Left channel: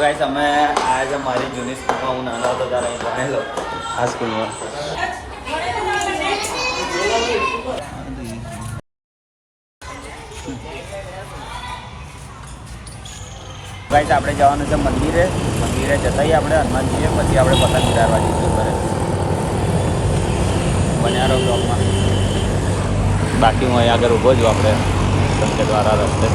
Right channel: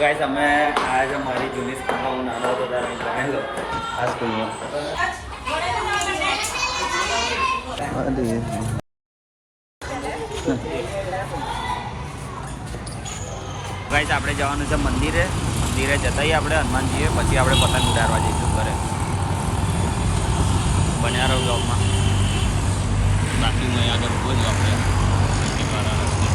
Guys અમે આજે મારી જૂની સ્કૂલમાં હું નાનો હતો ત્યારે હું ભણેલો આ સ્કૂલમાં. ગાઈસ આપણે જવાનું છે મંદિરે જતાઈએ આપણે હનુમાનજીએ, પછી આપણે પતંગ ઉડાડવા જઈશું ઘરે. બન્યા રહો બ્લોગમાં. બાકી હું અહીંયા આગળ ઊભો છું આપણે સંકેત વાળા રસ્તે.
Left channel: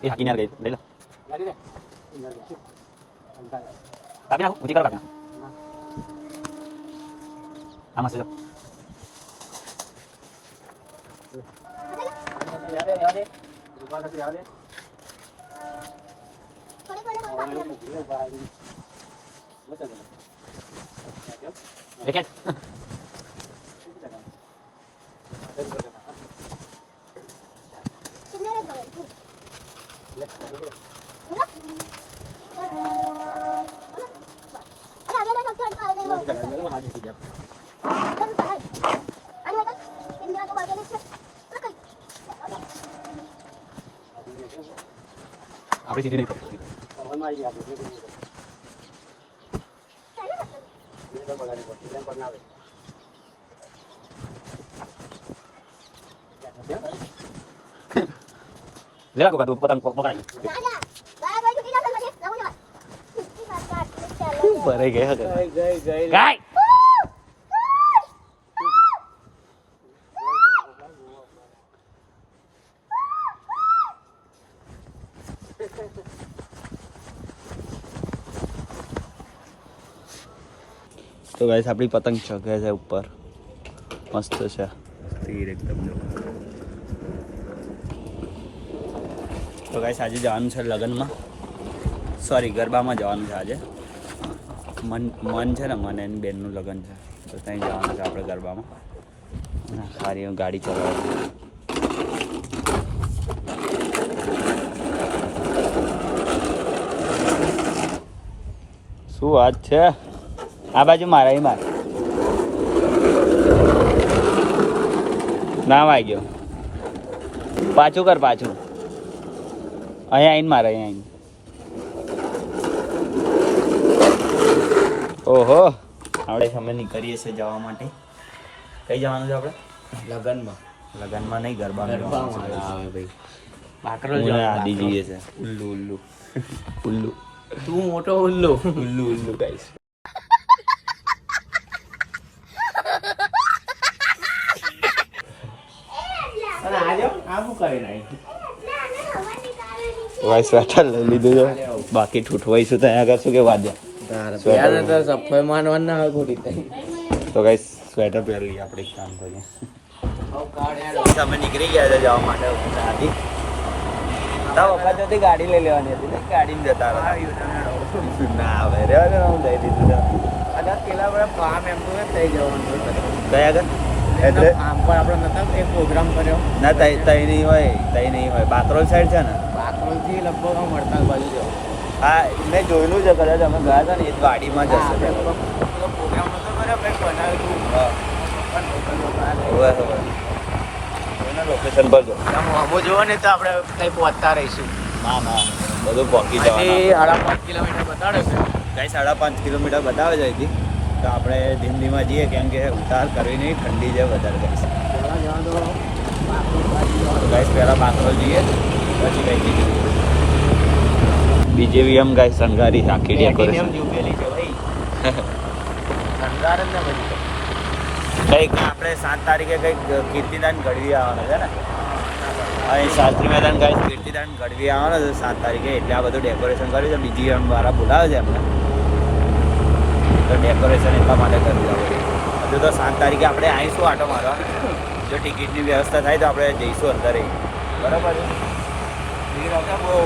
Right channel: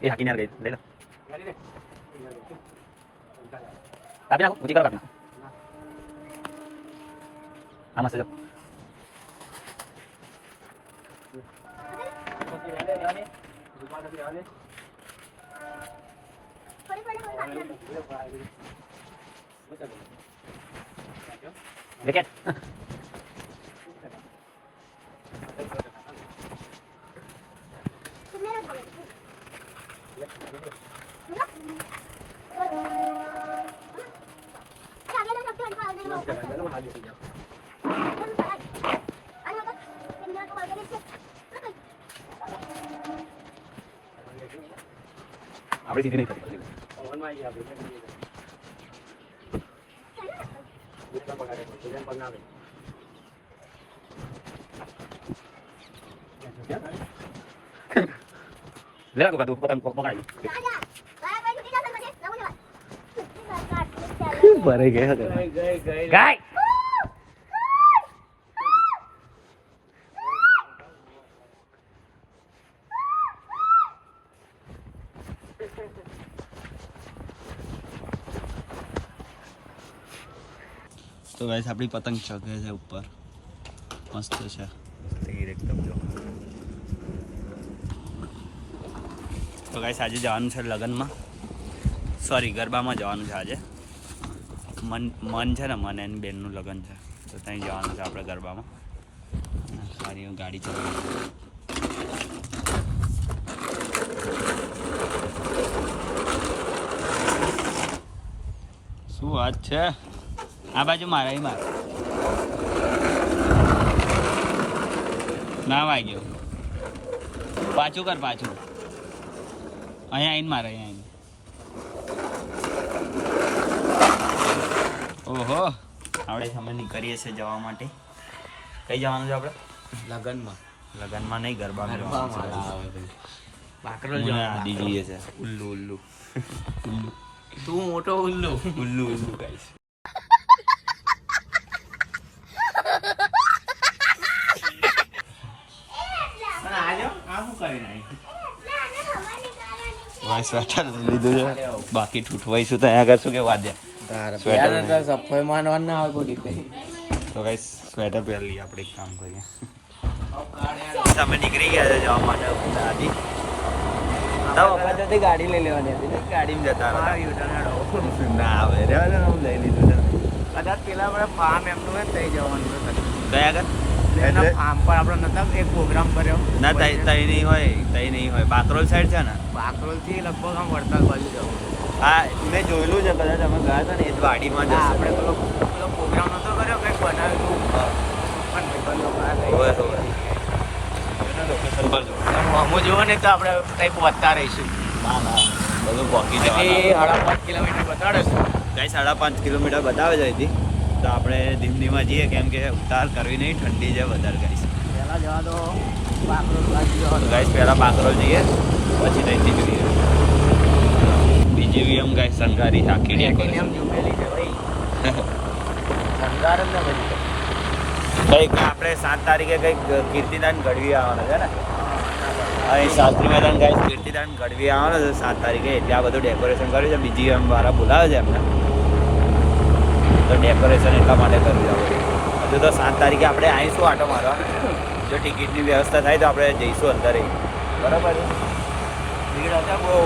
ये हाकी नहीं आ गई ले लो tapi aku uji kalau sama saja Deket. Apa sih ini? Lihat aku potong potong aja. Barai gaya gay. તો ગાઈસ આપણી પતંગ ચગે છે ઉપર, મસ્ત છે તીર એકદમ. તો ગાઈસ આજે જવાનું છે લગ્નમાં, સોરી ગરબામાં જવાનું છે આજે. મન છે ને, મન એની બેનનું લગ્ન છે, તો ત્યાં જવાનું છે આપણે ગરબામાં. અને સારી ગાડી ચલાવવાની. શું વાત છે? આ બાજુ મારા એ માર ના વાગ્યો, પાછું કર પાછું. અહીંયા આવીને મારે અહીંયા આવીને. ઓહો આપણે અમે નીકળીએ છીએ જવા માટે. કઈ જવાનું છે આપણે? લગ્નમાં. લગ્નમાં નહીં, ગરબામાં. આદિ જઈએ છે. ઉલ્લુ ઉલ્લુ ઉલ્લુ. તું મોટો ઉલ્લુ ઉલ્લુ ઉલ્લુ ગાઈસ. સ્વેટર લઈ લીધું છે, બાકી ઠૂઠવાઈશું ત્યાં આગળ શું કે વાદ્યા. તો ગાઈસ સ્વેટર પહેરી લઈએ આપણે, એક કામ કરીએ. અમે નીકળી ગયા છે જવા માટે. ગાડી લઈ લેવાની હતી, ગાડીમાં જતા હતા. ના હવે રેવા દે, હું લઈ લીધું છે. કદાચ પેલા આપણે ફાર્મ એમ તો થઈ જવાનું કયા આગળ આમ પર આપણે નતા એક પ્રોગ્રામ કર્યો ના, તઈ નહીં હોય બાકરોલ સાઈડ છે ને, બાકરોલ થી લગભગ આમ વડતાલ બાજુ જવું. હા મેં જોયેલું છે, કદાચ અમે ગયા હતા ને એ વાડીમાં જ હશે. પેલો પ્રોગ્રામ નતો કર્યો, કંઈક બનાવ્યું લોકેશન પર જો હું જોવા નહીં તો આપણે કંઈ પહોંચતા રહીશું. ના બધું પહોંચી જવાનું. 5.5 કિલોમીટર બતાડે છે ગાઈસ, 5.5 કિલોમીટર બતાવે છે અહીંથી. તો આપણે ધીમ ધીમા જઈએ, કેમ કે ઉતાર કરવી નહીં, ઠંડી છે વધારે. ગાઈસ પહેલાં જવા દો બાકરોલ બાજુ. ગાઈસ પહેલાં બાકરોલ જઈએ, પછી ત્યાંથી જોઈએ BJVM. ગાઈસ શણગારી આખી ડેકોરેશન શણગાર જ ને બધી. કંઈક આપણે 7 તારીખે કંઈક કીર્તિદાન ગઢવી આવવાનો છે ને, અહીં શાસ્ત્રી મેદાન. ગાઈસ કીર્તિદાન ગઢવી આવવાનો છે 7 તારીખે, એટલે આ બધું ડેકોરેશન કર્યું છે. BJVM વાળા બોલાવે છે એમને, તો ડેકોરેશન એટલા માટે કર્યું છે. હજુ તો 7 તારીખે આપણે આવીશું આટો મારવા. જો ટિકિટની વ્યવસ્થા થાય તો આપણે જઈશું અંદર બરાબર છે. ભીડ હશે બહુ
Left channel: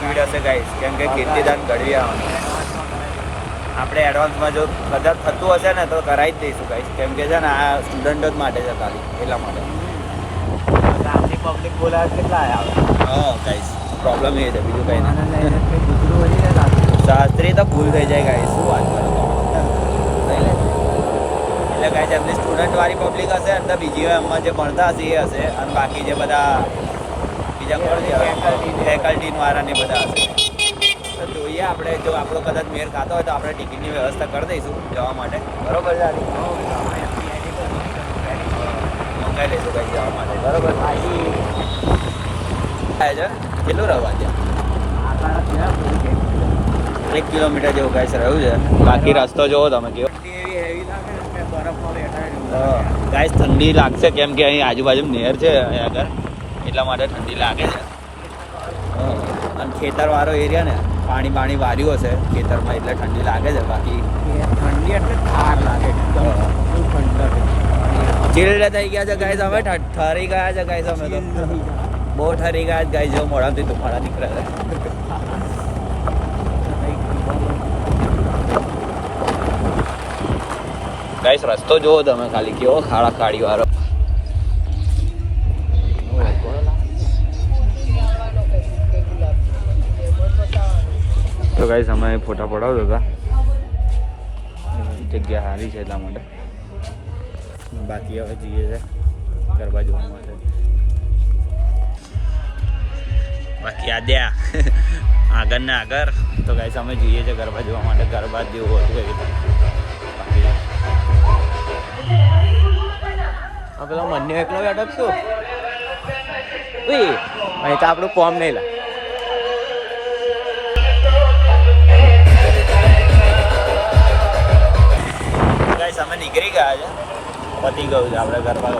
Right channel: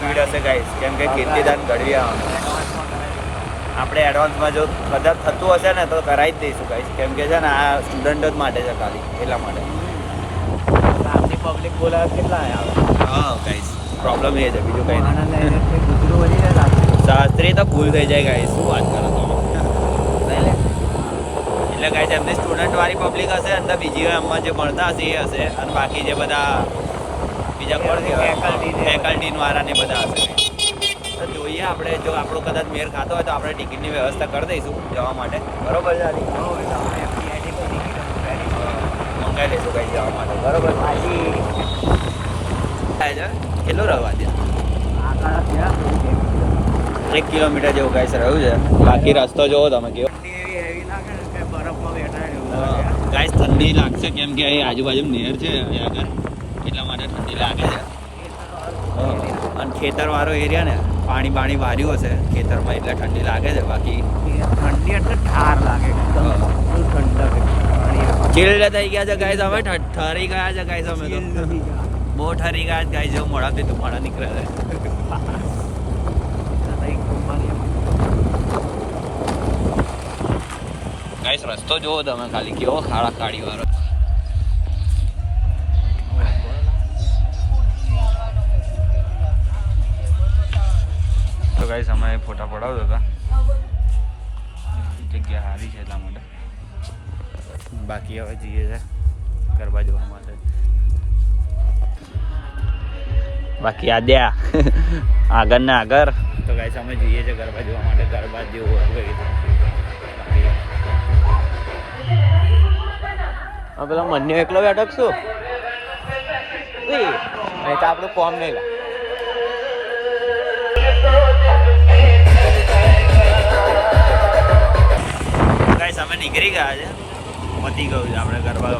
ભીડ હશે ગાઈસ, કેમ કે કીર્તિદાન ઘડવી આવવાનું. આપણે એડવાન્સમાં જો કદાચ થતું હશે ને તો કરાવી જ દઈશું ગાઈસ, કેમ કે છે ને આ સ્ટુડન્ટો જ માટે છે ખાલી, એટલા માટે. આટલી પબ્લિક બોલાવે કેટલા આવે? હા ગાઈસ, પ્રોબ્લેમ એ છે, બીજું કંઈ નહીં. શાસ્ત્રી તો ભૂલ થઈ જાય ગાઈસ, શું વાત કરો તમે? એટલે ગાઈસ એમની સ્ટુડન્ટ વાળી પબ્લિક હશે, અંદર બીજી એમમાં જે ભણતા હશે એ હશે, અને બાકી જે બધા બીજા કોણ ફેકલ્ટી વાળા ને બધા હશે. તો જોઈએ આપણે, જો આપણો કદાચ મેર ખાતો હોય તો આપણે ટિકિટની વ્યવસ્થા કરી દઈશું જવા માટે, બરોબર છે? મંગાવી દઈશું કઈ જવા માટે, બરોબર? કેટલું રહેવા ત્યાં? 1 કિલોમીટર જેવું ગાઈસ રહ્યું છે. બાકી રસ્તો જોવો તમે કેવો. ગાઈસ ઠંડી લાગશે, કેમ કે અહીં આજુબાજુ નહેર છે અહીંયા આગળ, એટલા માટે ઠંડી લાગે છે. અને ખેતરવાળો એરિયા ને, પાણી વાર્યું હશે ખેતરમાં, એટલે ઠંડી લાગે છે. બાકી ઠંડી એટલે ઠાર લાગે, ઠંડક ચીલ્ડ થઈ ગયા છે ગાઈસ. અમે ઠરી ગયા છે ગાઈસ, અમે તો બહુ ઠરી ગયા ગાઈસ. જેવું મોઢાથી ધુમાડા નીકળે છે. ગાઈસ રસ્તો જોવો તમે ખાલી, કેવો ખાડા ખાડી વાળો. તો ગાઈસ અમે ફોટા પડાવતા હતા, જગ્યા સારી છે એટલા માટે. બાકી હવે જઈએ છે ગરબા જોવા માટે. બાકી આદ્યા આગળ ને આગળ. તો ગાઈસ અમે જઈએ છીએ ગરબા જોવા માટે, ગરબા જેવું હતું એવું. બાકી પેલા મને એકલો અટકશું અહીં તો આપણું કોમ નહીં. ગાઈસ અમે નીકળી ગયા છે, પતી ગયું છે. આપણે ગરબા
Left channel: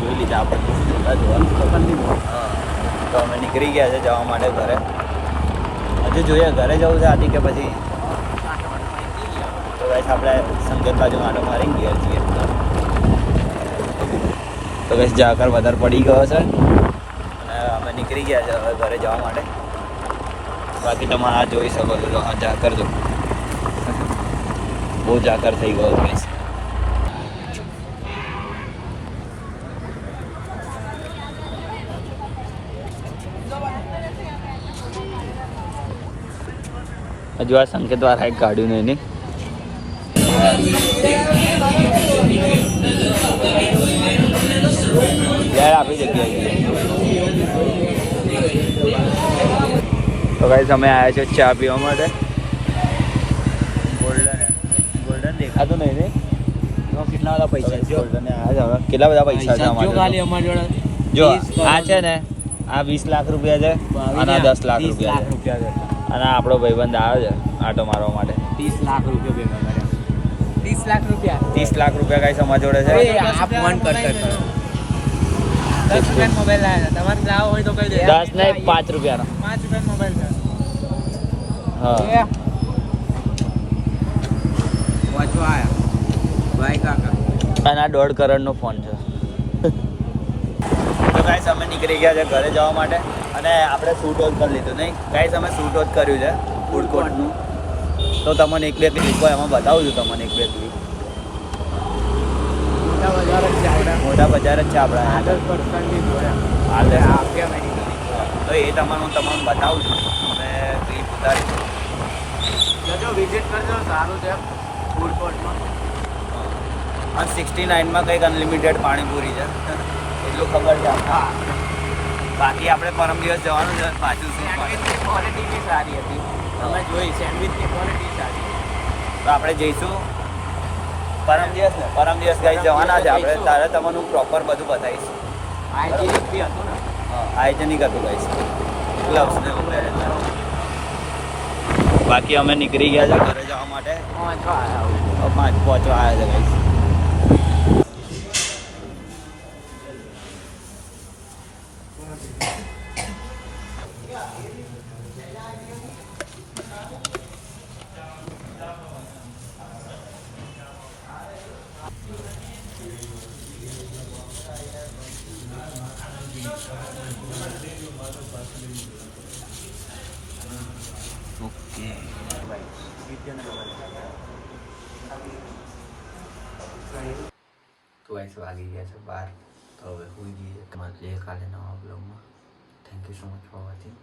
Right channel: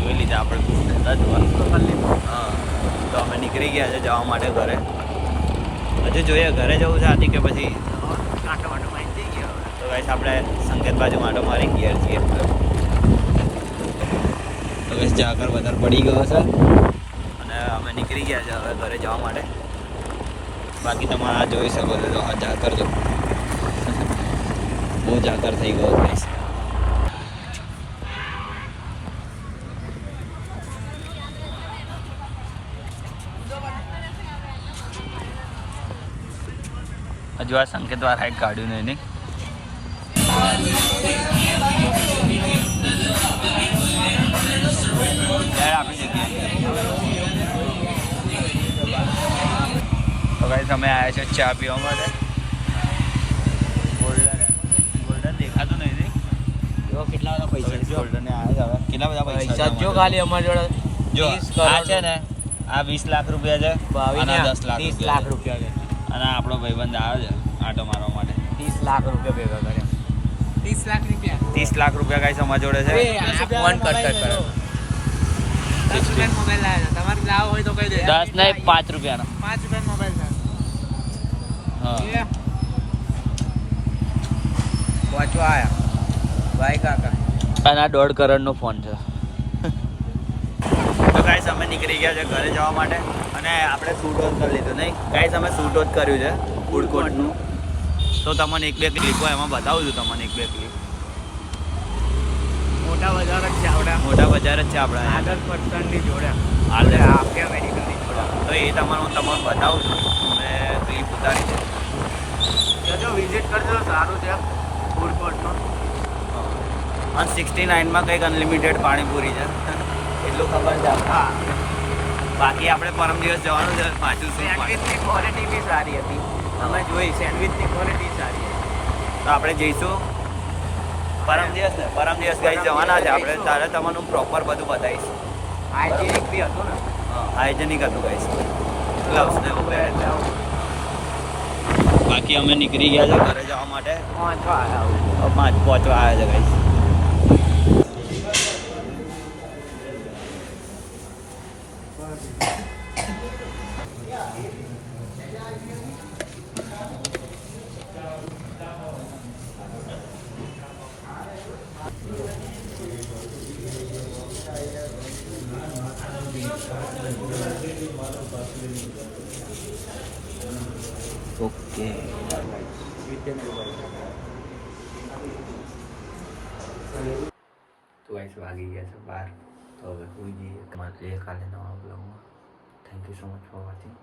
જોઈ લીધા, આપણે ખૂબ નહોતા જોવા તો કરી લીધું. હા, તો અમે નીકળી ગયા છે જવા માટે ઘરે. હજુ જોઈએ ઘરે જવું છે આથી કે પછી. તો ગાઈસ આપણે સંકેત બાજુ માટો મારી ઘેર છીએ. તો ગાઈસ જાકર વધારે પડી ગયો છે અને અમે નીકળી ગયા છે હવે ઘરે જવા માટે. બાકી તમે આ જોઈ શકો છો, તો જાકર બહુ જાકર થઈ ગયો ગાઈસ. હજુ આ સંકેત વાળા એક કાઢ્યું નહીં એની. આપણી જગ્યાએ તો ગાઈસ અમે આવ્યા છે ચા પીવા માટે. દેખાતું નહીં ને કેટલા બધા પૈસા કેટલા બધા પૈસા ખાલી અમારી જોડે. જો આ છે ને, આ 20 લાખ રૂપિયા છે અને 10 લાખ રૂપિયા. અને આપણો ભાઈબંધ આવે છે આટો મારવા માટે. 30 લાખ રૂપિયા ભેગા કર્યા. 30 લાખ રૂપિયા ગાઈસ અમારી જોડે છે. ફોન કરતા 10 રૂપિયાનો મોબાઈલ લાવ્યા. તમારે લાવો હોય તો કહી દે. 10 નહીં 5 રૂપિયાનો. 5 રૂપિયાનો મોબાઈલ છે. હા પહોંચવા આયા ભાઈ કાકા. અને આ 1.5 કરોડનો ફોન છે. તો ગાઈસ અમે નીકળી ગયા છે ઘરે જવા માટે. અને આપણે શૂટ વોચ કરી લીધું નહીં ગાઈસ, અમે શૂટ વોચ કર્યું છે ફૂડ કોર્ટનું. તો તમને 1-2 ક્લિપો એમાં બતાવું છું તમને. 1-2 ક્લિપ. મોટા બજાર જ છે આપણે, મોટા બજાર જ છે આપણા આદર્શ પર્સનની જોડે, આફિયા મેડિકલની જોડે. તો એ તમને હું તમને બતાવું છું. અને ક્લિપ ઉતારી છે, જજો વિઝિટ કરજો, સારું છે ફૂડ કોર્ટમાં. અને 69માં કંઈક અનલિમિટેડ પાણીપુરી છે એટલું ખબર છે આપણે. હા, બાકી આપણે પરમ દિવસ જવાનું છે પાછું. સેન્ડવિચની ક્વોલિટી બી સારી હતી, અમે જોઈ. સેન્ડવિચની ક્વોલિટી સારી. તો આપણે જઈશું પરમ દિવસ ગાઈ જવાના છે આપણે. તારે તમને હું પ્રોપર બધું બતાવીશ. હાઇજેનિક બી હતું ને? હા, હાઇજેનિક હતું ગાઈસ. બાકી અમે નીકળી ગયા છે ઘરે જવા માટે. પહોંચવા આવ્યા છે ગાઈસ. ઓકે તો અહીં વાગી ગયા છે 12. તો હવે હોઈ જઈએ. તમારે કાલે નવા બ્લોગમાં. Thank you so much for watching.